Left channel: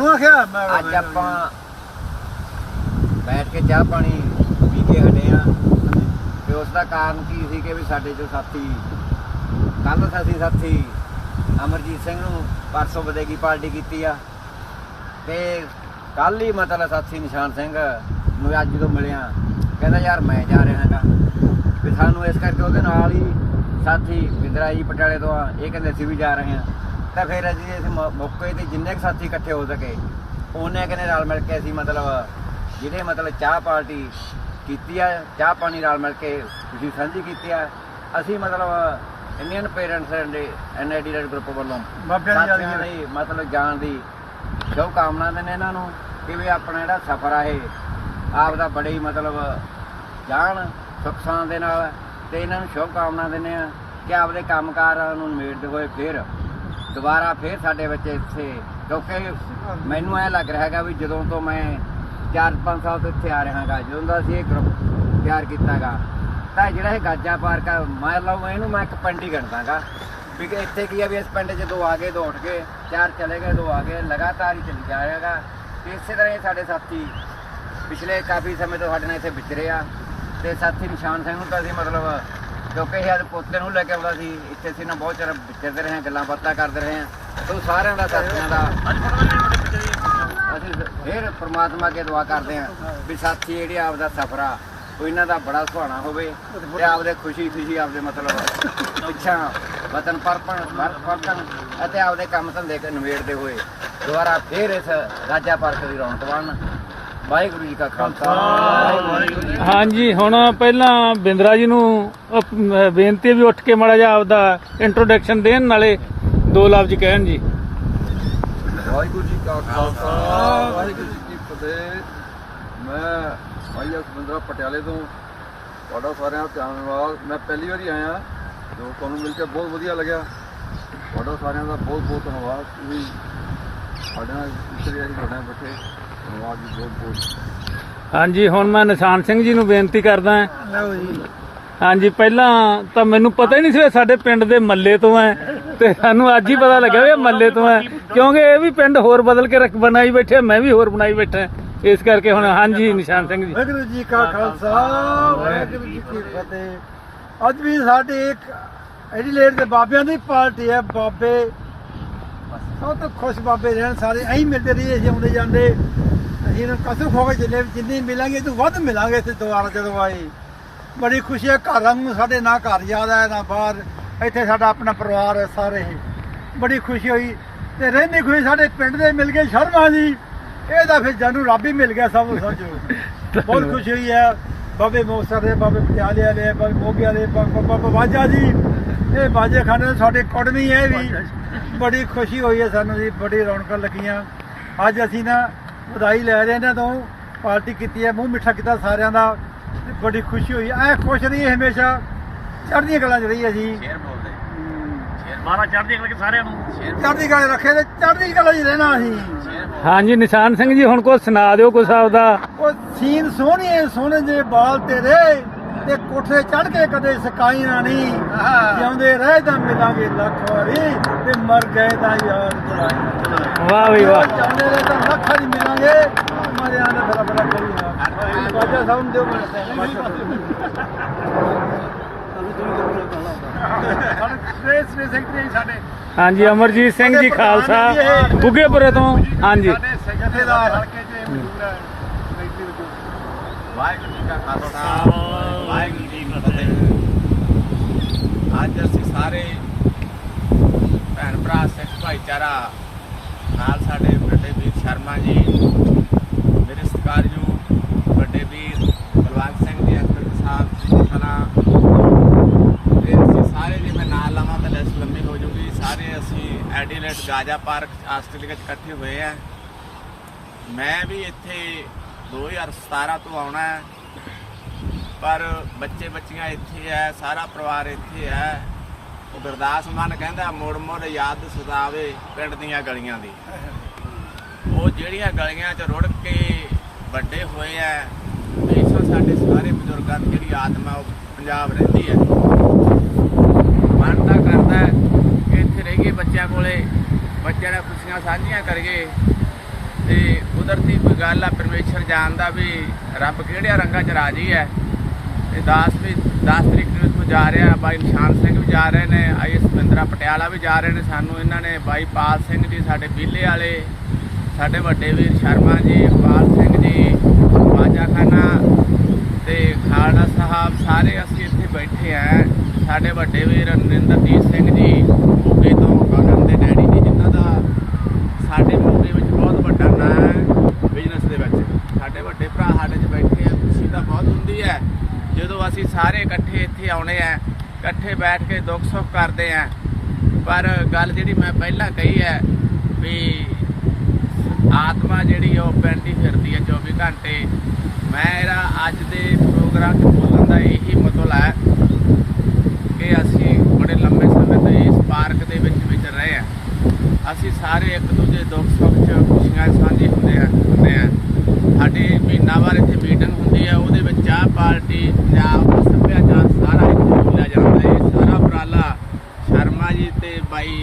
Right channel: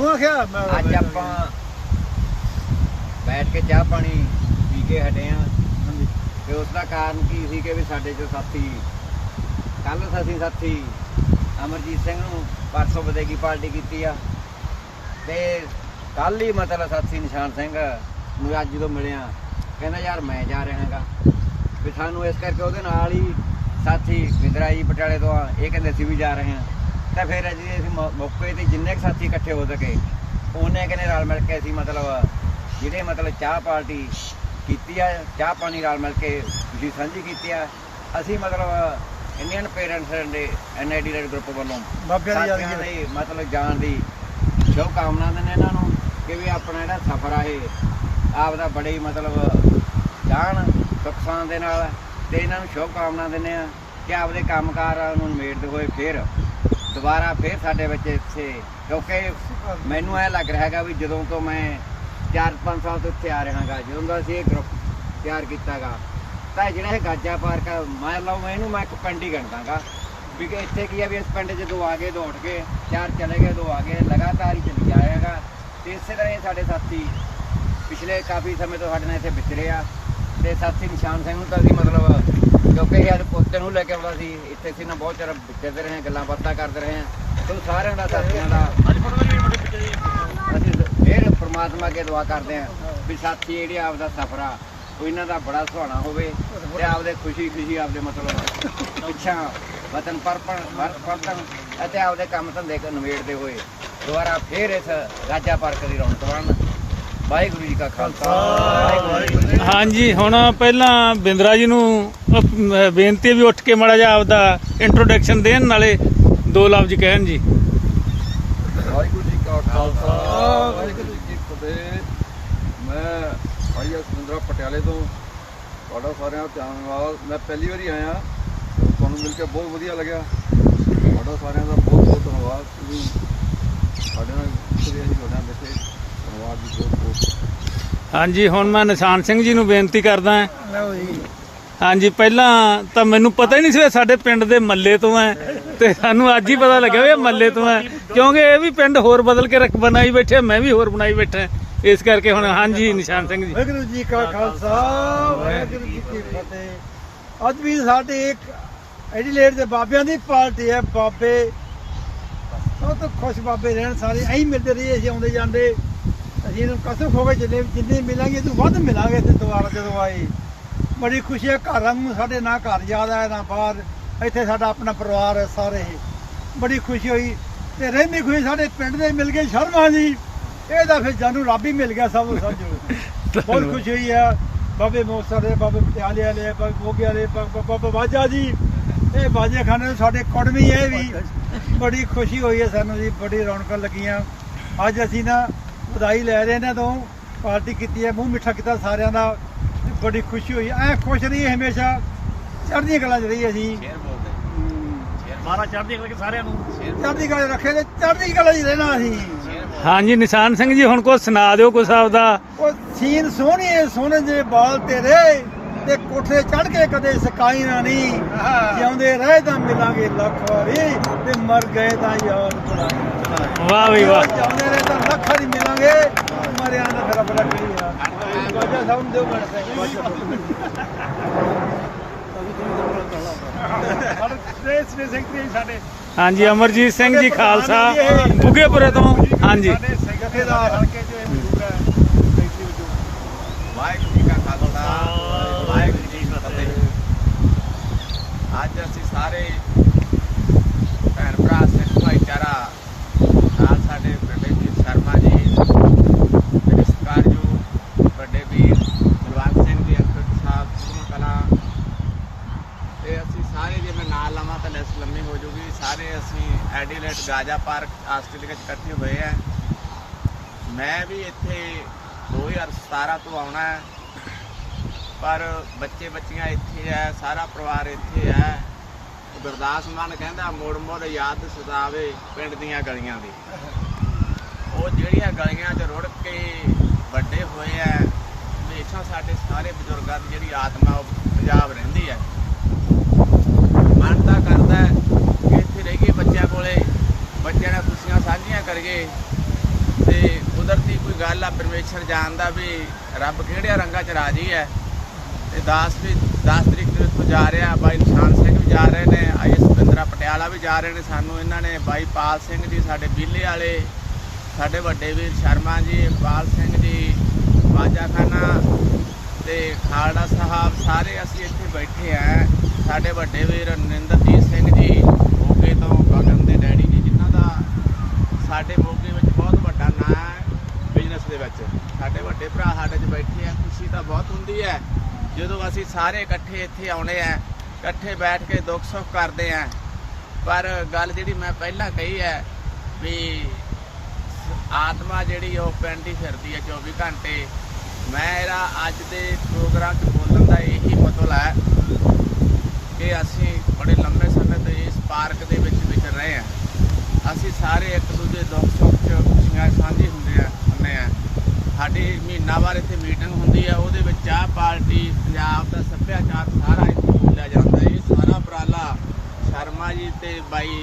ਨੂੰ ਆਖਿਆ ਮੈਂ ਅੱਜ ਆਪਾਂ ਬੈਠ ਕੇ ਚਾਹ ਪਾਣੀ ਪੀ ਕੇ ਹਟੇ ਆ। ਤੇ ਉਸ ਦਾ ਕਾਰਨ ਕੀ ਸੀ ਕਿ ਵੀ ਸਾਡੇ ਜੋ ਸਾਥੀ ਕੱਲ ਅਸੀਂ ਸਾਥੀ ਅਮਰਜੀਤ ਸਿੰਘ ਨੂੰ ਪਰਸੋਂ ਬਦੇਗੀ ਪਾਰਟੀ ਕੀਤੀ ਆ। ਤੇ ਕੱਲ ਹੀ ਮਤਲਬ ਸਾਥੀ ਨਿਸ਼ਾਨ ਸਿੰਘ ਨੂੰ ਅੱਜ ਜਦੋਂ ਮਿਲਿਆ। ਕਹਿੰਦਾ ਯਾਰ ਮੈਂ ਜਾ ਰਿਹਾ ਹਾਂਗਾ। ਵੀ ਸਾਨੂੰ ਇਸ ਕਰਕੇ ਉਹਦੇ ਨਾਲ ਹੀ ਸਾਥੀ ਵਿੰਦਰਾ ਜੀ ਪਟਿਆਲੇ ਤੋਂ ਆ। ਇਹ ਕਹਿੰਦੇ ਅਸੀਂ ਵੀ ਜਾ ਰਹੇ ਹਾਂ ਤਾਂ ਫਿਰ ਅਸੀਂ ਇਸ ਮੌ- ਮੌਕੇ ਤੇ ਜਿੰਨੇ ਕੁ ਸਾਥੀ ਇਕੱਠੇ ਹੋ ਸਕੇ ਉਹਨੇ ਕਹਿੰਦੇ ਨਾਲ ਮਿਲ ਕੇ ਅਸੀਂ ਮਤਲਬ ਜਿਹੜੇ ਮਤਲਬ ਚਾਹ ਪਾਰਟੀ ਕੀਤੀ ਆ ਚਾਹ ਪਾਣੀ ਨਾਲ ਮਿਲ ਕੇ ਤੁਸੀਂ ਸਾਂਝੀ ਕੀਤੀ ਆ ਅਸੀਂ ਮਤਲਬ ਇੰਡੀਅਨ ਪੇਰੈਂਟਸ ਦੇ ਐਨਆਈਡੀ ਦੇ ਗਰੁੱਪ ਵੱਲੋਂ ਬਾਬਿਆਂ ਦੀ ਸਾਥੀਆਂ ਲਈ ਮਤਲਬ ਜਾਣ ਦੀ ਸ਼ੁਭ ਕਾਮਨਾ ਦਿੰਦੇ ਇਹਨਾਂ ਨੂੰ ਕਿ ਵੀ ਆਪਣਾ ਜਿਹੜਾ ਸਫ਼ਰ ਆ ਇਹ ਆਪ ਦਾ ਬੜੇ ਹੀ ਮਤਲਬ ਜਾਣ ਸੁੱਖ ਸਾਂ ਦੇ ਨਾਲ ਤੇ ਇਹਨਾਂ ਨੂੰ ਸ਼ੁਭ ਕਾਮਨਾ ਦਿੰਦੇ ਆ ਕਿ ਆਪਦੇ ਕੰਮਕਾਰਾਂ ਨੂੰ ਨਿਬੇੜਦੇ ਹੋਏ ਫਿਰ ਦੁਬਾਰਾ ਫਿਰ ਸਾਡੇ ਵਿੱਚ ਇੱਥੇ, ਕਿਉਂਕਿ ਮੈਨੂੰ ਇਹ ਲੱਗ ਰਿਹਾ ਹੈਗਾ ਵੀ ਜਦੋਂ ਤੋਂ ਮੈਂ 4-5 ਸਾਲ ਤੋਂ ਇੱਥੇ ਆ ਰਿਹਾ ਹਾਂਗਾ, ਜਦੋਂ ਦਾ ਅਸੀਂ ਇਹ ਗਰੁੱਪ ਤਿਆਰ ਕੀਤਾਗਾ, ਤਾਂ ਜਿਹੜਾ ਇਹ ਗਾਜਾ ਪਾਰਕ ਆ, ਮੈਂ ਲਓ ਇਹਨੂੰ ਮੈਂ ਇੱਕ ਪਿੰਡ ਹੀ ਗਣਦਾਗਾ, ਵੀ ਇੱਥੇ ਕੀ ਆ ਵੀ ਇਸ ਪਿੰਡ 'ਚ ਦੋ ਆ ਗਏ, ਦੋ ਉੱਠ ਗਏ, ਚਾਰ ਚਲੇ ਗਏ, ਦੋ ਆ ਗਏ, ਲਗਾਤਾਰ ਹੀ ਚੱਲੀ ਜਾ ਰਿਹਾਗਾ ਤੇ ਇਸੇ ਤਰ੍ਹਾਂ ਹੀ ਸਾਡੇ ਸਾਥੀ ਪਿਛਲੇ ਕਾਫੀ ਸਮੇਂ ਤੋਂ ਸਾਡੇ ਨਾਲ ਇੱਥੇ ਵਿਚਰੇ ਆ, ਤੇ ਸਾਥੀ ਨਿਸ਼ਾਨ ਸਿੰਘ ਨੂੰ ਤਾਂ ਅਸੀਂ ਮਤਲਬ ਕਿਉਂਕਿ ਇਹ ਅੱਜ ਪੋਤੇ ਨੂੰ ਲੈ ਕੇ ਆਉਂਦਾ ਸੀ ਇੱਥੇ ਸੀ ਨਾ ਬਹੁਤ ਚਿਰ ਵਿਚਰਦੇ ਰਹੇ ਹਾਂ, ਗੱਲਾਂ ਬਾਤਾਂ ਕਰਦੇ ਰਹੇ ਹਾਂ। ਤੋਂ ਸਾਰਿਆਂ ਦਾ ਸਾਥੀਆਂ ਦਾ ਅਸੀਂ ਫਿਰ ਪ੍ਰਮਾਤਮਾ ਅੱਗੇ ਦੁਆ ਕਰਦੇ ਹਾਂ ਵੀ ਸਾਥੀ ਜਿਹੜੀ ਆਪਦਾ ਸਫ਼ਰ ਆ ਉਹ ਇਹਨਾਂ ਦਾ ਬੜਾ ਸੁਹਾਣਾ ਹੋਵੇ ਤੇ ਆਪਦੇ ਖੁਸ਼ੀ ਖੁਸ਼ੀ ਆਪਦੇ ਮਤਲਬ ਇੱਛਾ ਵਤਨ ਪਰਪਣ ਪਰਤਨ ਅਤੇ ਆਪਦੇ ਕੰਮ ਧੰਦੇ ਕ ਨਿਬੇੜਦੇ ਹੋਏ ਦੁਬਾਰਾ ਫਿਰ ਇਸ ਰਾਜਾ ਪਾਰਕ ਦੀ ਰੌਣਕ ਬਣਨ। ਵਾਹਿਗੁਰੂ ਜੀ ਕਾ ਖਾਲਸਾ ਵਾਹਿਗੁਰੂ ਜੀ ਕੀ ਹਾਂਜੀ ਹੁਣ ਪਹਿਲਾਂ ਬਿੰਦਰਾ ਜੀ ਨੂੰ ਅਹ, ਬੇਨਤੀ ਵੀ ਉੱਠ ਕੇ ਮਾੜਾ ਜਿਹਾ ਆਪਦਾ ਇੰਟਰੋਡਕਸ਼ਨ ਦੇਣ ਨਾਲੇ ਦੋ ਲਫ਼ਜ਼ ਕਹਿਣ ਜੀ। ਵਾਹਿਗੁਰੂ ਜੀ ਕਾ ਖਾਲਸਾ ਵਾਹਿਗੁਰੂ ਜੀ ਕੀ ਫਤਿਹ। ਮੈਂ ਭਾਈ ਸਮੁੰਦਰਾ ਪਟਿਆਲੇ ਤੋਂ ਤੁਹਾਡਾ ਸਾਰਿਆਂ ਦਾ ਧੰਨਵਾਦ ਮੈਂ ਪਹਿਲੀ ਵਾਰੀ ਆਇਆ ਤੇ ਤੁਹਾਨੂੰ ਮਿਲ ਕੇ ਬਹੁਤ ਵਧੀਆ ਲੱਗਿਆ। ਤੁਹਾਡਾ ਸਾਰਿਆਂ ਦਾ ਬਹੁਤ ਬਹੁਤ ਧੰਨਵਾਦ। ਤੁਸੀਂ ਸਾਡੇ ਨਾਲ ਇੱਥੇ ਅਸੀਂ ਤੁਹਾਡੇ ਨਾਲ ਬੈਠੇ। ਧੰਨਵਾਦ ਜੀ ਬਹੁਤ ਬਹੁਤ ਹਾਂਜੀ ਹੁਣ ਮੈਂ ਨਿਸ਼ਾਨ ਸਿੰਘ ਜੀ ਨੂੰ ਬੇਨਤੀ ਕਰਦਾ ਹਾਂ। ਲਓ ਜੀ। ਹਾਂਜੀ ਪਹਿਲਾਂ ਤਾਂ ਮੈਨੂੰ ਪਤਾ ਹੀ ਨਹੀਂ ਸੀ ਸਾਡੇ ਪਿੰਡ ਦੇ ਮੱਲੇ ਤੋਂ ਐ ਤੇ ਸਾਨੂੰ ਅੱਜ ਹੀ ਪਤਾ ਲੱਗਿਆ ਵੀ ਇਹ ਮੱਲੇ ਤੋਂ ਐ ਕਿਉਂਕਿ ਇਹ ਵੀ ਪਿੰਡ ਹੋਰ ਬਦਲ ਕੇ ਰੱਖ ਬਣਾਈ ਬੈਠੇ ਮੈਂ ਵੀ ਹੋਰ ਬਣਾਈ ਬੈਠਾ ਇਸ ਕਰਕੇ ਹੁਣ ਹਾਂਜੀ ਨਿਸ਼ਾਨ ਸਿੰਘ ਜੀ। ਵਾਹਿਗੁਰੂ ਜੀ ਕਾ ਖਾਲਸਾ ਵਾਹਿਗੁਰੂ ਜੀ ਕੀ ਫਤਿਹ। ਅੱਜ ਵੀ ਸਾਡੇ ਇੱਕ ਐਡੀਲੇਡ ਦੇ ਬਾਬਿਆਂ ਦੀ ਪਾਰਟੀ ਹੈ ਬਾਬੇ। ਸਭ ਤੋਂ ਖੁਸ਼ ਬਾਬੇ ਰਹਿਣ ਸਾਰੇ ਐਂ ਮਿਲਦੇ ਰਹੀਏ ਆਉਂਦੇ ਜਾਂਦੇ। ਅਸੀਂ ਨੂੰ ਕਸਮ ਖੋ ਕੇ ਚੱਲੇ ਵੀ ਜਿੰਨੀ ਮਿਲਾਂਗੇ ਤੂੰ ਵੱਧ ਮਿਲਾਂਗੇ ਤੇ ਦੁਬਾਰਾ ਜਦੋਂ ਆਏ ਬੜੀ ਖੁਸ਼ੀ ਹੈ ਘਰਾਂ ਨੂੰ ਸਾਡੇ ਨਾ ਘਰ ਯਾਦ ਆਇਆ ਨਾ ਬਾਹਰ। ਇੱਥੇ ਸਾਡਾ ਆਪਣਾ ਪਰਿਵਾਰ ਹੈ ਸਾਰੇ। ਬੜੀ ਖੁਸ਼ੀ ਹੋਈ। ਤੇ ਰਹਿੰਦੀ ਖੁਸ਼ੀ ਸਾਡੇ ਪਿੰਡ ਦੇ ਮਿਲ ਗਏ ਸ਼ਰਮਾ ਜੀ। ਇਹ ਤਾਂ ਫਿਰ ਜਾਨੂੰ ਰੱਬ ਹੀ ਮਿਲ ਗਿਆ ਸਭ ਨੂੰ ਸਮਝੋ ਬਹੁਤ ਖੁਸ਼ੀ ਹੋਈ ਹੈ। ਬਾਬੇ ਮੋਸਰ ਦੇ ਬਾਬੇ ਪਟਿਆਲੇ ਵਾਲੇ ਬਾਬੇ ਮੋਗੇ ਵਾਲੇ ਬਾਬਾ ਬਾਜਾ ਜੀ। ਇਹ ਬਾਜੇ ਖਾਨੇ ਸਾਡੇ ਕੁੜਮੀ ਹੈ ਵੀ। ਬੜੀ ਖੁਸ਼ੀ ਹੋਈ ਹੈ ਸਾਨੂੰ ਜੀ ਬੜੀ ਰੌਣਕਾਂ ਲੱਗੀਆਂ। ਅੱਜ ਅਸੀਂ ਨਾ ਵਧਾਈ ਲੈ ਰਹੇ ਨੇ ਤੋਂ ਪਾਰਟੀ ਕੀਤੀ ਹੈ ਮੂੰਹ ਮਿੱਠਾ ਕੀਤਾ ਸਾਰਿਆਂ ਦਾ ਬੜੀ ਖੁਸ਼ੀ ਹੋਈ। ਐ ਖੁਸ਼ ਰਹੀ ਹਮੇਸ਼ਾ ਚੜ੍ਹਦੀਆਂ ਕਲਾਂ ਚ ਰਹੀ ਅਸੀਂ ਸ਼ੇਰ ਬੋਲਦੇ। ਮਾਰਾ ਚੜ੍ਹਦੀ ਕਲਾ ਸਾਰਿਆਂ ਨੂੰ? ਚੜ੍ਹਦੀ 'ਚ ਰੱਖੇ ਤੇ ਚੜ੍ਹਦੀ ਕਲਾ 'ਚ ਰਹਿਣਾ ਅਸੀਂ। ਹਾਂਜੀ ਨਿਸ਼ਾਨ ਸਿੰਘ ਜੀ ਹੁਣ ਕੁਝ ਸੁਣਾ ਦਿਓ ਕੁਛ ਆਪਦਾ ਉਹ ਸੀਨ ਸੋਹਣੀਏ ਸੋਹਣੇ ਜੇ ਬਾਲ ਤੇਰੇ। ਤੇ ਕੋਠੇ ਚੜ ਕੇ ਕਦੇ ਸਕਾਈ ਨਾ ਨਹੀਂ। ਜਿਉਂਦੇ ਰਹੇ ਤਾਂ ਮਿਲਾਂਗੇ ਲੱਖ ਵਾਰੀ ਤੇ ਮਰ ਗਏ ਤਾਂ ਯਾਰ ਬੁਲਾਈ ਵਾਹ ਵੀ ਵਾਹ। ਜਿਉਂਦੇ ਰਹੇ ਤਾਂ ਲੱਖ ਵਾਰੀ ਮਿਲਾਂਗੇ ਮਰਿਆ ਨਾ ਤੇਰਾ ਬੜਾ ਕਰੀ ਬਾਬਾ ਸਾਹਿਬ ਨੂੰ ਦਿਓ ਸਾਡੇ ਟ੍ਰੇਸ ਨੇ ਸੈਕਟਰੀ ਸਾਡੇ ਹਾਂਜੀ ਅਮਰਜੀਤ ਸਿੰਘ ਜੀ ਖਾਲਸਾ ਬੁੱਗੇਪੁਰੇ ਤੋਂ। ਹਾਂਜੀ। ਸਾਡੇ ਜਥੇਦਾਰ ਹਲਕੇ ਚ ਮੌਜੂਦ ਹੈ। ਸੈਕਟਰੀ ਵਜੋਂ ਵਾਹਿਗੁਰੂ ਜੀ ਕਾ ਖਾਲਸਾ। ਵਾਹਿਗੁਰੂ ਜੀ ਕੀ ਫਤਿਹ। ਅੱਜ ਅਸੀਂ ਸਾਰੇ ਭੈਣ ਭਰਾ, ਸਿੱਖ ਭਾਈਚਾਰਾ, ਨਾਲ ਸਾਡੇ ਵੱਡੇ ਵੀਰ ਸ਼ਰਮਾ ਜੀ, ਮੇਰੇ ਸਤਿਕਾਰਯੋਗ ਵੱਡੇ ਵੀਰ ਬਲਵੰਤ ਸਿੰਘ ਜੀ ਅਖਰ ਸਾਹਿਬ ਕਲਾ। ਤੇ ਅਸੀਂ ਸਾਰੇ ਜੇ ਮੈਂ ਨਾਲ ਲਵਾਂ ਤਾਂ ਲਿਸਟ ਲੰਮੀ ਹੋ ਜੂਗੀ। ਸਾਰੇ ਅਸੀਂ ਐਡੀਲੇਟ ਗਾਜਾ ਪਾਰਕ ਆਸਟ੍ਰੇਲੀਆ 'ਚ ਇਕੱਠੇ ਹੋਏ ਆ। ਮੈਂ ਵੀ ਇੱਥੇ 2017 ਤੋਂ ਆਉਣਾ ਹੈ। ਪਰ ਬੱਚੇ ਬੱਚੀਆਂ ਇੱਥੇ ਹੈ ਸਾਰਾ ਪਰਿਵਾਰ ਇੱਥੇ ਹੈ ਗੁਰਦਾਸ ਮਾਨ ਕਹਿੰਦਾ, ਮੋੜ ਮੋੜ ਯਾਦ ਸਤਾਵੇ ਪਿੰਡ ਦੀਆਂ ਗਲੀਆਂ ਦੀ। ਉਹ ਜਿਹੜੀਆਂ ਗਲੀਆਂ 'ਚ ਰੁੜ ਕੇ ਵੱਡੇ ਹੋਏ ਆ, ਤੇ ਸਾਡੇ ਸਾਰੇ ਬਜ਼ੁਰਗਾਂ ਦੀ ਜਿਹੜੀ ਆਤਮਾ, ਉਹ ਪੰਜਾਬ ਰਹਿੰਦੀ ਹੈ ਮਨ ਤਾਂ ਕਰਦਾ ਕਿ ਇੱਥੇ ਰਹਿ ਰਹੀਏ ਬੱਚਿਆਂ ਕੋਲੇ, ਬੱਚਿਆਂ ਨਾਲ ਖੁਸ਼ੀਆਂ ਸਾਂਝੀਆਂ ਕਰੀਏ। ਤੇ ਕੁਦਰਤੀ ਕੋਈ ਗੱਲ ਆ, ਪਰਮੇਸ਼ਰ ਜਾਣਦਾ ਵੀ ਰੱਬ ਕਿਹੜਿਆਂ ਰੰਗਾਂ 'ਚ ਰਾਜੀ ਹੈ। ਤੇ ਦਾਸ ਵੀ 10 ਤਰੀਕ ਨੂੰ ਇੱਥੋਂ ਜਾ ਰਿਹਾ ਬਾਈ ਨਿਸ਼ਾਨ ਸਿੰਘ ਵੀ ਜਾ ਰਹੇ ਨੇ ਆਈਐਸ ਬਿੰਦਰਾ ਪਟਿਆਲਾ ਵੀ ਜਾ ਰਹੇ ਨੇ ਸਾਨੂੰ, ਇਹਨਾਂ ਨੇ ਬਾਈ ਪਾਲ ਸਿੰਘ ਜੀ, ਸਾਡੇ ਬੀਲੇ ਵਾਲੇ, ਸਾਡੇ ਵੱਡੇ ਵੀਰ ਸ਼ਰਮਾ ਜੀ ਇਕਬਾਲ ਸਿੰਘ ਜੀ, ਬਾਜਾ ਖਾਨਾ ਤੇ ਖਾਲੜਾ ਸਾਹਿਬ, ਸਾਰੇ ਅਸੀਂ ਇੱਥੇ ਬੈਠੇ ਆ। ਸਾਡੇ ਵੱਡੇ ਵੀਰ ਨਰਿੰਦਰਜੀਤ ਸਿੰਘ ਜੀ ਮੋਗੇ ਤੋਂ ਕਮਲ ਦੇ ਡੈਡੀ ਜੀ ਜਿਨ੍ਹਾਂ ਦਾ ਸਾਡੇ ਮੋਗੇ ਵਿੱਚ ਬਹੁਤ ਵੱਡਾ ਨਾਂ ਹੈ ਬਿਜ਼ਨਸ ਦੇ ਵਿੱਚ। ਸਾਡੇ ਵੱਡੇ ਭਰਾ ਸਾਡੇ 'ਚ ਬੈਠੇ ਆ, ਖੁਸ਼ੀ ਤਾਂ ਬਹੁਤ ਹੁੰਦੀ ਹੈ। ਜਦੋਂ ਅਸੀਂ ਸਾਰੇ ਇਕੱਠੇ ਇੱਥੇ ਆਉਣੇ ਆ, ਇਕੱਠੇ ਬੈਠ ਕੇ ਦੁੱਖ ਸੁੱਖ ਕਰਦੇ ਆ, ਪਰ ਗੱਲ ਜਿਹੜੀ ਮੈਂ ਪਹਿਲਾਂ ਕਹੀ ਹੈ ਵੀ ਆਤਮਾ ਜਿਹੜੀ ਉਹ ਪਿੰਡ ਹੀ ਫਿਰਦੀ ਹੈ 24 ਘੰਟੇ। ਮੇਰਾ ਅੱਜ ਦੇ ਪ੍ਰੋਗਰਾਮ 'ਚ ਬੋਲਣ ਦਾ ਇਹੀ ਮਤਲਬ ਹੈ ਕਿ ਅਸੀਂ ਬੜੇ ਲੰਬੇ ਸਮੇਂ ਤੋਂ ਇਸ ਪਾਰਕ ਦੇ ਵਿੱਚ ਵਿਚਰ ਰਹੇ ਹਾਂ ਅਸੀਂ ਸਾਰੇ ਇੱਕ ਦੂਜੇ ਦੁੱਖ ਸੁੱਖ 'ਚ ਖੁਸ਼ੀਆਂ ਸਾਂਝੀ ਹੁੰਦੇ ਆ ਹੁੰਦੇ ਆ। ਸਾਡੇ ਮਹੀਨਾਵਾਰ ਇੱਥੇ ਮੀਟਿੰਗ ਹੁੰਦੀ ਹੈ ਉਹਦੇ ਵਿੱਚ ਚਾਹ ਪਾਰਟੀ, ਪੰਜਾਬ ਦਾ ਸੱਭਿਆਚਾਰ ਸਾਰਾ ਇੱਥੇ ਮਿਲਿਆ ਜਾਂਦਾ ਹੈ। ਸਾਰਾ ਉਪਰਾਲਾ ਸ਼ਰਮਾ ਜੀ ਤੇ ਬਾਈ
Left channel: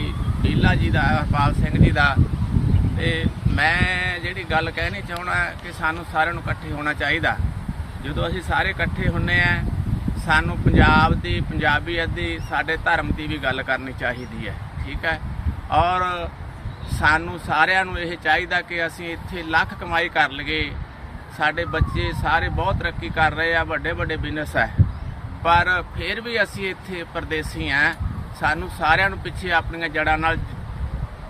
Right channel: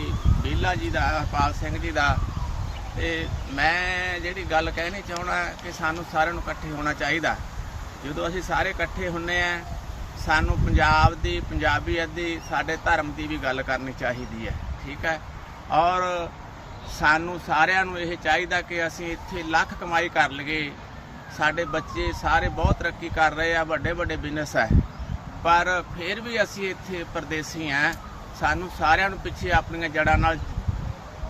ਹੀਲਾ ਜੀ ਦਾ, ਹਰਪਾਲ ਸਿੰਘ ਜੀ ਦਾ। ਤੇ ਮੈਂ ਜਿਹੜੀ ਗੱਲ ਕਹਿਣੀ ਚਾਹਣਾ ਕਿ ਸਾਨੂੰ ਸਾਰਿਆਂ ਨੂੰ ਇਕੱਠੇ ਹੋਣਾ ਚਾਹੀਦਾ। ਜਦੋਂ ਅਸੀਂ ਸਾਰੇ ਇਕੱਠੇ ਹੁੰਨੇ ਆ, ਸਾਨੂੰ ਪੰਜਾਬ ਦੀ, ਪੰਜਾਬੀਅਤ ਦੀ, ਸਾਡੇ ਧਰਮ ਦੀ ਵੀ ਗੱਲ ਕਰਨੀ ਚਾਹੀਦੀ ਹੈ, ਠੀਕ ਹੈ? ਔਰ ਸਾਨੂੰ ਸਾਰਿਆਂ ਨੂੰ ਇਹ ਚਾਹੀਦਾ ਕਿ ਅਸੀਂ ਇੱਥੇ ਲੱਖ ਕਮਾਈ ਕਰ ਲਈਏ ਸਾਡੇ ਬੱਚੇ ਸਾਰੇ ਬਹੁਤ ਤਰੱਕੀ ਕਰ ਰਹੇ ਆ, ਵੱਡੇ ਵੱਡੇ ਬਿਜ਼ਨਸ ਹੈ ਪਰ ਫਿਰ ਵੀ ਅਸੀਂ ਇੱਥੇ ਪਰਦੇਸੀ ਆ। ਸਾਨੂੰ ਸਾਰਿਆਂ ਨੂੰ ਪਿੱਛੇ ਆਪਣੀਆਂ ਜੜ੍ਹਾਂ ਨਾਲ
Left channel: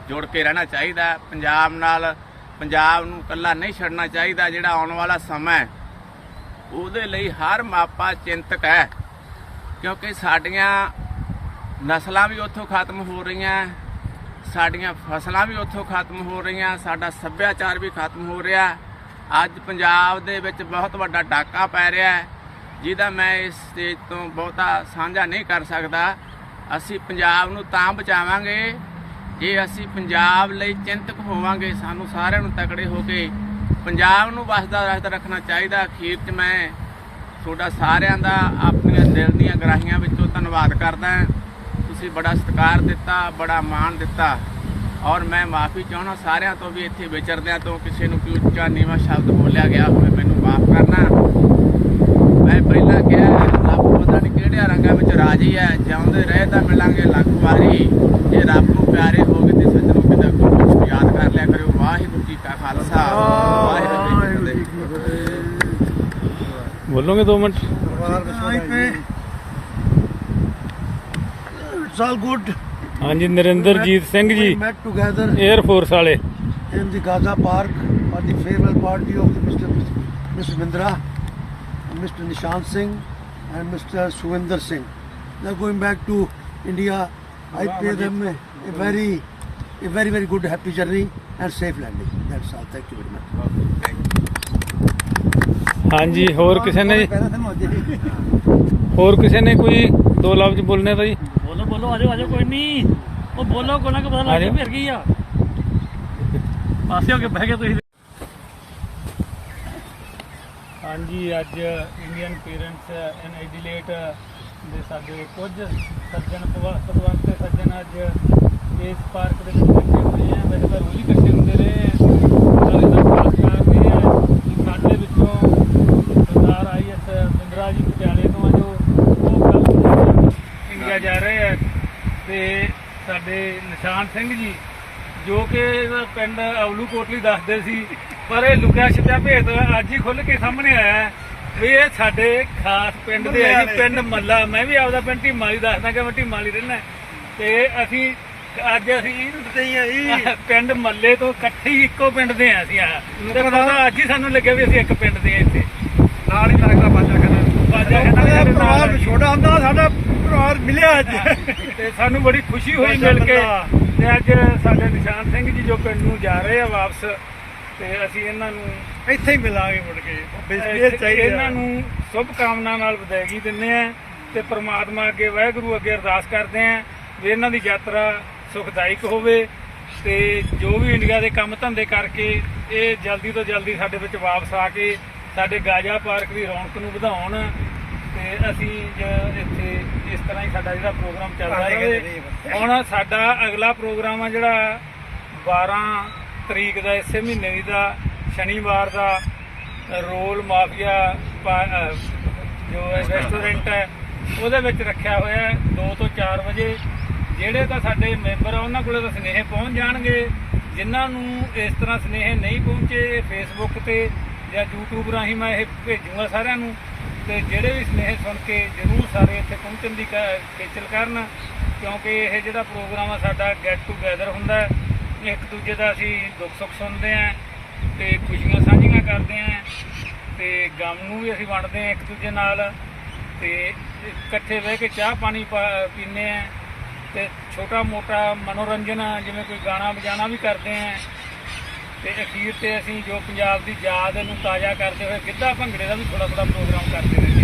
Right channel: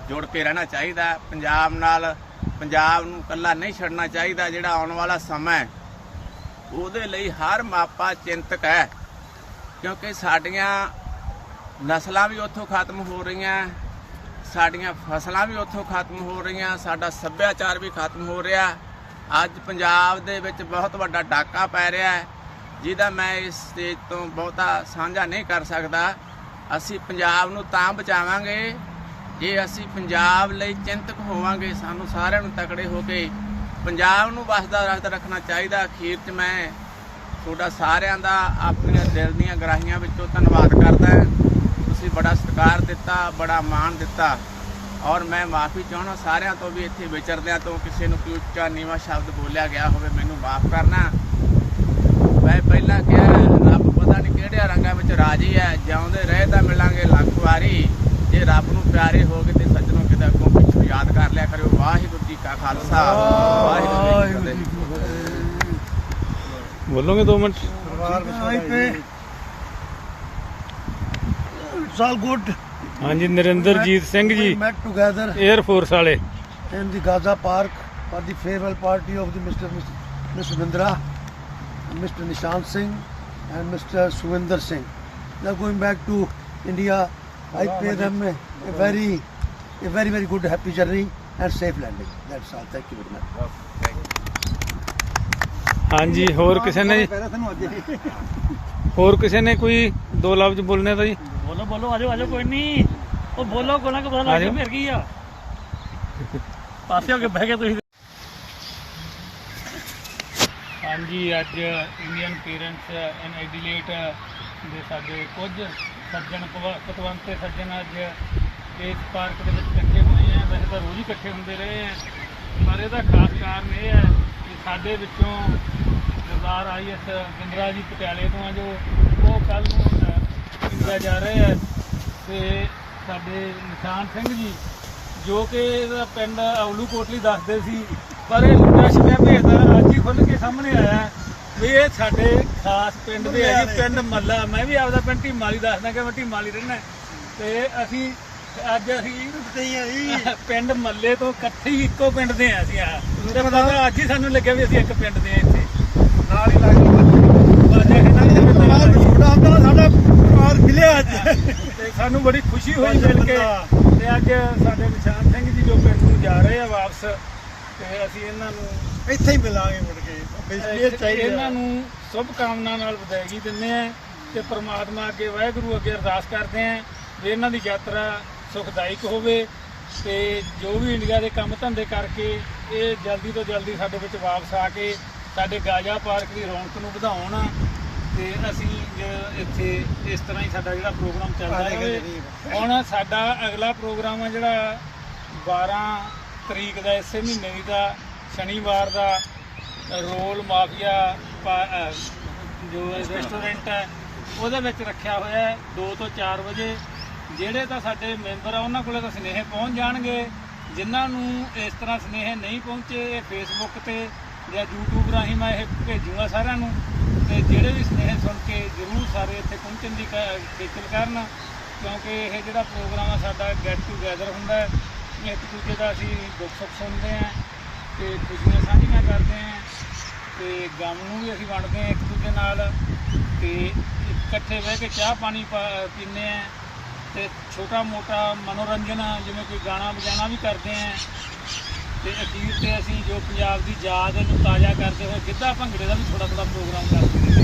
ਜੁੜ ਕੇ ਰਹਿਣਾ ਚਾਹੀਦਾ। ਪੰਜਾਬ ਨਾਲ, ਪੰਜਾਬ ਨੂੰ ਇਕੱਲਾ ਨਹੀਂ ਛੱਡਣਾ ਚਾਹੀਦਾ, ਜਿਹੜਾ ਆਉਣ ਵਾਲਾ ਸਮਾਂ ਹੈ। ਉਹਦੇ ਲਈ ਹਰ ਮਾਪਾ ਚਿੰਤਕ ਹੈ। ਕਿਉਂਕਿ ਸਾਡੀਆਂ ਨਸਲਾਂ ਵੀ ਉੱਥੋਂ ਖਤਮ ਹੋ ਰਹੀਆਂ, ਸਾਡੀਆਂ ਫਸਲਾਂ ਵੀ ਉੱਥੋਂ ਖਤਮ ਹੋ ਰਹੀਆਂ, ਸਾਡਾ ਸੱਭਿਆਚਾਰ ਵੀ ਖਤਮ ਹੋ ਰਿਹਾ। ਅੱਜ ਪੰਜਾਬ ਦੇ ਵਿੱਚ ਬਹੁਤ ਵੱਡਾ ਡਾਕਾ ਪੈ ਰਿਹਾ ਹੈ, ਜਿਹਦਾ ਮੈਂ ਇਸ ਸਟੇਜ ਤੋਂ ਬਹੁਤਾ ਸਾਂਝਾ ਨਹੀਂ ਕਰ ਸਕਦਾ। ਅਸੀਂ ਪੰਜਾਬ ਨੂੰ ਤਾਂ ਬਚਾਵਾਂਗੇ, ਜੇ ਅਸੀਂ ਪੰਜਾਬ ਲਈ ਚਿੰਤਕ ਹੋਵਾਂਗੇ, ਸਾਨੂੰ ਸਾਰਿਆਂ ਨੂੰ ਤਕੜੇ ਹੋ ਕੇ ਪੰਜਾਬ ਨੂੰ ਵਸਦਾ ਰਸਤਾ ਰੱਖਣਾ ਚਾਹੀਦਾ। ਅਖੀਰ 'ਚ ਮੈਂ ਤੁਹਾਡਾ ਸਾਰਿਆਂ ਦਾ ਆਪਣੀਆਂ ਦਿਲ ਦੀਆਂ ਗਰਾਹੀਆਂ ਵਿੱਚੋਂ ਧੰਨਵਾਦ ਕਰਦਾ। ਤੁਸੀਂ ਬੜਾ ਸਤਿਕਾਰ ਦਿੱਤਾ, ਬੜਾ ਮਾਣ ਦਿੱਤਾ। ਔਰ ਮੈਂ ਮਾਫੀ ਚਾਹਣਾ ਸਾਰਿਆਂ ਤੋਂ ਵੀ ਇੱਥੇ ਵਿਚਰਦਿਆਂ ਤੋਂ ਕਿਸੇ ਨੂੰ ਕੋਈ ਉੱਚਾ ਨੀਵਾਂ ਸ਼ਬਦ ਬੋਲਿਆ ਗਿਆ ਹੋਵੇ ਮੈਨੂੰ ਮਾਫ ਕਰਨਾ। ਮੈਂ ਪਹਿਲਾਂ ਕਿਹਾ ਰੱਬ ਪਤਾ ਨਹੀਂ ਕਿਹੜੇ ਰੰਗਾਂ ਵਿੱਚ ਰਾਜੀ ਹੈ ਜਿਉਂਦੇ ਰਹੇ ਤਾਂ ਮਿਲਾਂਗੇ ਲੱਖ ਵਾਰੀ। ਜੇ ਰੱਬ ਨੂੰ ਪਿਆਰੇ ਹੋਗੇ ਤੇ ਸੱਜਣੋਂ ਕਿਤੇ ਅੱਗੋਂ ਕੁਝ ਯਾਦ ਕਰ ਲਿਆ ਕਰਿਓ। ਵਾਹਿਗੁਰੂ ਜੀ ਕਾ ਖਾਲਸਾ। ਵਾਹਿਗੁਰੂ ਜੀ ਕੀ ਫਤਿਹ। ਬੋਲੋਗੇ 2 ਮਿੰਟ? ਪਰਿਵਾਰ ਵਿਛੋੜਾ It's all good. ਹਾਂਜੀ Narinderjit Singh ji We met together air force ਵਾਲੇ in the Gaza Park for the farewell party of the Mr. Mr. Mindra, Mr. Nishan Singh, and Mr. Suvinder Singh. They're going back to India. I pay them a, a very, a very, very good, happy journey and safe landing. That's all. Thank you very much. ਹਾਂਜੀ ਹੋਰ ਕਿਸੇ ਨੇ ਹੋਰ ਕਿਸੇ ਨੇ ਕੋਈ ਦੋ ਲਫ਼ਜ਼ ਬੋਲਨੇ ਤਾਂ ਜੀ ਬੋਲੋ ਆਜੋ ਆਜੋ ਕੋਈ ਨਹੀਂ ਉਹ ਬੋਲੋ ਕੋਣਾ ਕਿ ਪਤਾ। ਲੱਗ ਫਿਰ ਆ। ਪਾਸੇ ਹੋ ਕੇ ਬਹਿ ਗਏ ਤੁਸੀਂ। ਹਾਂਜੀ ਅੱਜ ਇੰਡੀਅਨ ਪੇਰੈਂਟਸ ਇਨ ਐਡੀਲੇਟ ਦੇ ਸਾਡੇ ਕੁਝ ਸੱਜਣ ਭਗਵੰਤ ਤੇ ਸੱਜਣ ਅੱਜ ਇਸ ਪਾਰਕ ਦੇ ਵਿੱਚ ਇਕੱਠੇ ਹੋਏ ਆ। ਵੈਸੇ ਤਾਂ ਰੋਜ਼ ਇਕੱਠੇ ਹੁੰਦੇ ਰਹੇ ਪਰ ਇਹਦਾ ਖਾਸ ਕਾਰਨ ਇਹ ਹੈ ਕਿ ਸਾਡੇ ਵਿੱਚੋਂ ਸਰਦਾਰ ਆਈਐਸ ਬਿੰਦਰਾ ਜੀ ਪਟਿਆਲੇ ਤੋਂ ਆ ਜੋ ਇੰਡੀਆ ਜਾ ਰਹੇ ਆ ਤੇ ਸਾਡੇ ਨਿਸ਼ਾਨ ਸਿੰਘ ਜੀ ਜੋ ਕਿ ਪਿੰਡ ਅਵਲੂ ਕੋਟਲੀ ਦੱਸਦੇ ਸੀ ਪਰ ਇਹ ਲੁੱਟਿਆ ਛਿਪਿਆ ਭੇਦ ਅੱਜ ਹੀ ਖੁੱਲ ਕੇ ਸਾਹਮਣੇ ਆਇਆ ਹੈ ਵੀ ਇਹ ਸਾਡੇ ਖਾਸ ਪਿੰਡ ਦੇ ਹੈ ਜੀ ਪਿੰਡ ਮੱਲਾ। ਮੈਂ ਵੀ ਆਪਦਾ ਪਿੰਡ ਢੀਮਾਲੀ ਦੱਸਦਾ ਕਿ ਮੈਂ ਢੀਮਾਲੀ ਰਹਿਣਾ ਤੇ ਅਸੀਂ ਅੱਜ ਅਸੀਂ ਪਿੰਡ ਮੱਲੇ ਤੋਂ ਇਕੱਠੇ ਹੀ ਇੱਕੋ ਪਿੰਡ ਦੇ ਆ ਅਸੀਂ ਆ ਤੇ ਪਤਾ ਅੱਜ ਹੀ ਸਾਨੂੰ ਲੱਗਿਆ ਵੀ ਅਸੀਂ ਇੱਕ ਪਿੰਡ ਦੇ ਆ ਇੱਥੇ। ਨਾਲ ਹੀ ਲੱਗਦਾ ਬਾਜਾ ਕਹਿੰਦਾ ਬਾਜਾ ਕਹਿੰਦਾ ਇਹ ਪਰਿਵਾਰ ਵਿਛੋੜਾ ਹੁੰਦਾ ਨਾ, ਸਾਡਾ ਪਰਿਵਾਰ ਮਿਲਿਆ ਅੱਜ ਤੇ ਸਾਨੂੰ ਬੜੀ ਖੁਸ਼ੀ ਹੋਈ ਮਿਲ ਕੇ ਤੇ ਅੱਜ ਸਾਡੇ ਨਿਸ਼ਾਨ ਸਿੰਘ ਜੀ ਜੋ ਪਿੰਡ ਨੂੰ ਜਾ ਰਹੇ ਆ ਵਾਪਸ ਤੇ ਅਸੀਂ ਇਹਨਾਂ ਨੂੰ ਇੱਥੇ ਹੀ ਮਿਲਾਂਗੇ ਮੁੜ ਕੇ। ਇੱਥੇ ਚਾਹੀਦਾ ਇਹਨਾਂ ਨੂੰ ਸ਼ੁਭ ਕਾਮਨਾ ਨਾਲ ਵਧਾਈ ਦਿੰਦੇ ਆ ਤੇ ਪ੍ਰਮਾਤਮਾ ਅੱਗੇ ਵਾਹਿਗੁਰੂ ਅੱਗੇ ਅਰਦਾਸ ਕਰਦੇ ਆ ਵੀ ਇਹਨਾਂ ਦੀ ਯਾਤਰਾ ਸੁਖਦਾਇਕ ਹੋਵੇ ਤੇ ਜੋ ਵੀ ਇੰਡੀਆ ਦੇ ਕੰਮ ਧੰਦੇ ਕਰਕੇ ਇਹ ਜਲਦੀ ਤੋਂ ਜਲਦੀ ਸਾਡੇ ਵਿੱਚ ਵਾਪਸ ਆ ਕੇ ਸਾਡੇ ਗਾਜਾ ਪਾਰਕ ਦੀ ਰੌਣਕ ਨੂੰ ਵਧਾਉਣ ਤੇ ਅਸੀਂ ਜ- ਇੱਥੇ ਇਸ ਤਰ੍ਹਾਂ ਹੀ ਸਾਡਾ ਜਿਹੜਾ ਪ੍ਰੋਗਰਾਮ ਚੱਲਦਾ ਰਹੇ। ਹੁਣ ਸਾਡਾ ਅਗਲਾ ਪ੍ਰੋਗਰਾਮ ਆ ਜਿਹੜਾ 12 ਤਰੀਕ ਦਾ ਇਸੇ ਮਹੀਨੇ ਦੀ ਦਾ ਸ਼ਨੀਵਾਰ ਦਾ ਰੋਲ ਮਾਫੀਆ ਜੋ ਹੈ ਰੈਸਟੋਰੈਂਟ ਹੈ ਉਹਦੇ ਵਿੱਚ ਰੱਖਿਆ ਹੋਇਆ ਹੈ 2 ਤੋਂ 4 ਵਜੇ। ਜਿਹੜੇ ਤਾਂ ਸਾਡੇ ਮੈਂਬਰ ਆ ਉਹਨਾਂ ਕੋਲੇ ਤਾਂ ਸਨੇਹ ਪਹੁੰਚ ਜਾਣਗੇ। ਜਿਨ੍ਹਾਂ ਨੂੰ ਇਸ ਤਰ੍ਹਾਂ ਸਨੇਹ ਨਹੀਂ ਪਹੁੰਚੇ ਫੇਸਬੁੱਕ ਤੇ ਜਾਂ YouTube ਰਾਹੀਂ ਮੈਂ ਇਹ ਭੇਜੂਗਾ ਸਾਰਿਆਂ ਨੂੰ। ਤੇ ਜਿਹੜੇ ਵੀ ਸਨੇਹ ਸੁਣ ਕੇ ਜ਼ਰੂਰ ਸਾਰੇ ਇੱਥੇ ਪਹੁੰਚਣ ਦੀ ਕ- ਖੇਚਲ ਕਰਨ, ਕਿਉਂਕਿ ਇਹ ਜਿਹੜਾ ਪ੍ਰੋਗਰਾਮ ਆ ਸਾਡਾ ਗੈਟ ਟੂਗੇਦਰ ਹੁੰਦਾ ਇੱਕ ਦੂਜੇ ਦਾ ਅਸੀਂ ਦੁੱਖ ਸੁੱਖ ਸੁਣਦੇ ਆਂ ਤੇ ਖੁਸ਼ੀਆਂ ਸਾਂਝੀਆਂ ਕਰਦੇ ਆਂ ਤੇ ਗਮ ਨੂੰ ਵੀ ਅਸੀਂ ਵੰਡਦੇ ਆਂ ਇੱਕ ਦੂਜੇ ਨਾਲ। ਤੇ ਇਕੱਠੇ ਬਹਿ ਕੇ ਚਾਹ ਪਾਣੀ ਪਾ- ਪੀਂਦੇ ਆਂ ਤੇ ਛੋਟਾ ਮੋਟਾ ਮਨੋਰੰਜਨ ਜਿਵੇਂ ਕੋਈ ਗਾਣਾ ਵਜਾਣਾ ਵੀ ਕਰਦੇ ਆਂ ਤੇ ਅਖੀਰ ਤੇ ਅਸੀਂ ਜੋ ਪੰਜਾਬ ਦੀ ਯਾਦ ਨੂੰ ਤਾਜ਼ਾ ਕਰਦੇ ਹੋਏ ਗਿੱਧਾ ਭੰਗੜੇ ਦਾ ਵੀ ਥੋੜਾ ਥੋੜਾ ਪ੍ਰੋਗਰਾਮ ਕਰਦੇ ਰਹਿੰਦੇ